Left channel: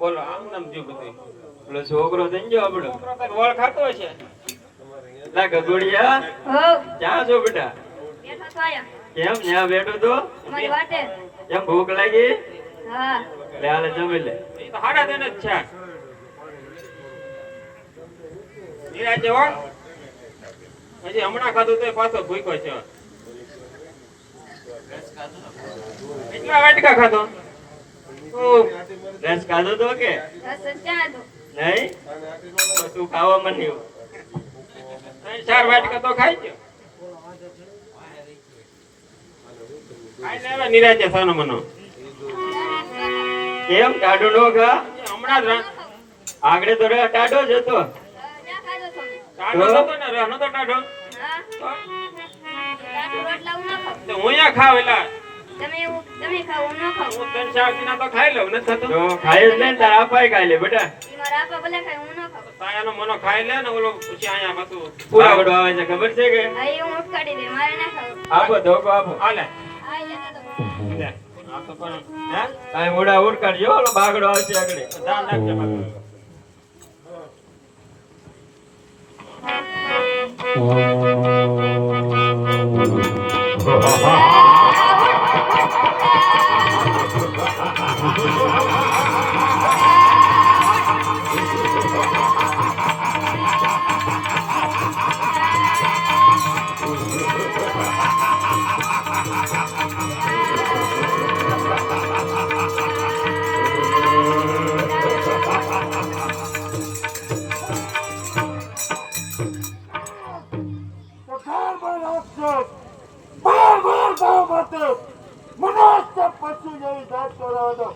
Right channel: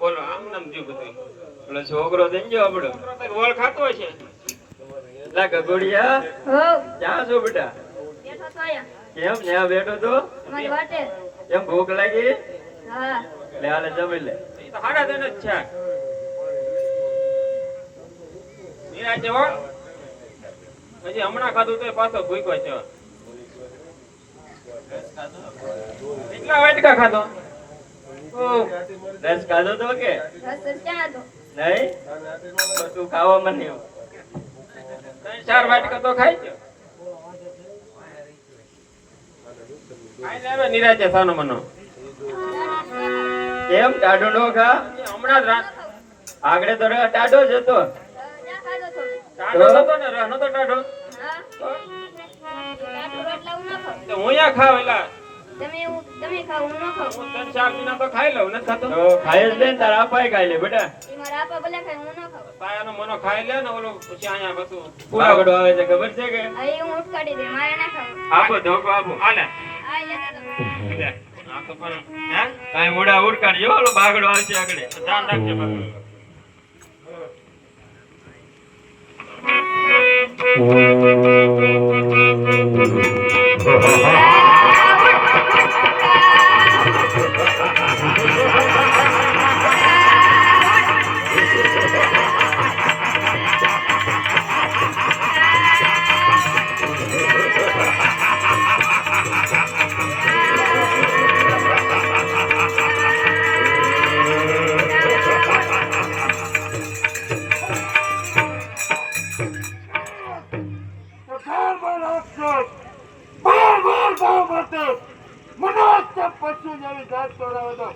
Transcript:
બોલો આમ નામ જો બધું પેલો છોકરો થઈ ગયો આપણો વળ ખાતો છે લા ગગોડિયા ક્યાં છો બેટા કેમ ત્યાં બેઠો તો કેમ ભૂખ લાગી લે હાલે જમી લે હાડા તને જ છે નિરાજે હો હજી હમણાં ખાધું તો પાછો ભૂખ્યો છે કેટલા વાટકા ખાધો રસ ખાધો તો કે નહીં તું ખાવા માંડ્યો 3-4 વાટકા તો ખાઈ ગયો ખાઈ લે હવે નિરાજે સાનો મનો કેમ ટાઢો નો ખા હમણાં જ આગળ તો ટાઢો જ હતો ટાઢો હતો ને રહનો તો ટાઢો હું યા ખાવ એલા તમે ખાવ હું ન ખાવ હું 3-4 દિના તો ખાઈ લઉં ન થતો તો ખાઈ જ લે તાર આપાય ખાઈ લે બેટા મારા આપા ભલે ખાય હું ન ખાવ તાયાનો મનો ખાઈ લે ને ઓલો પછી આયા બધું પૂરા ગડો આવે છે ખબર છે કે આઈ હું ઉઠકાડી દે મારે ના ખાવ આપો ધોકો આપો આલે આપો પણ હે કાઈ મોડા ઉડકાડજો ઓલો બાગડો આવશે આગળ ધ્યાન રાખજો બાગડો ઘરમાં રાક્ષસ બાર ગામ માટે મનોજ પશુ જેવી જાત કરાવતો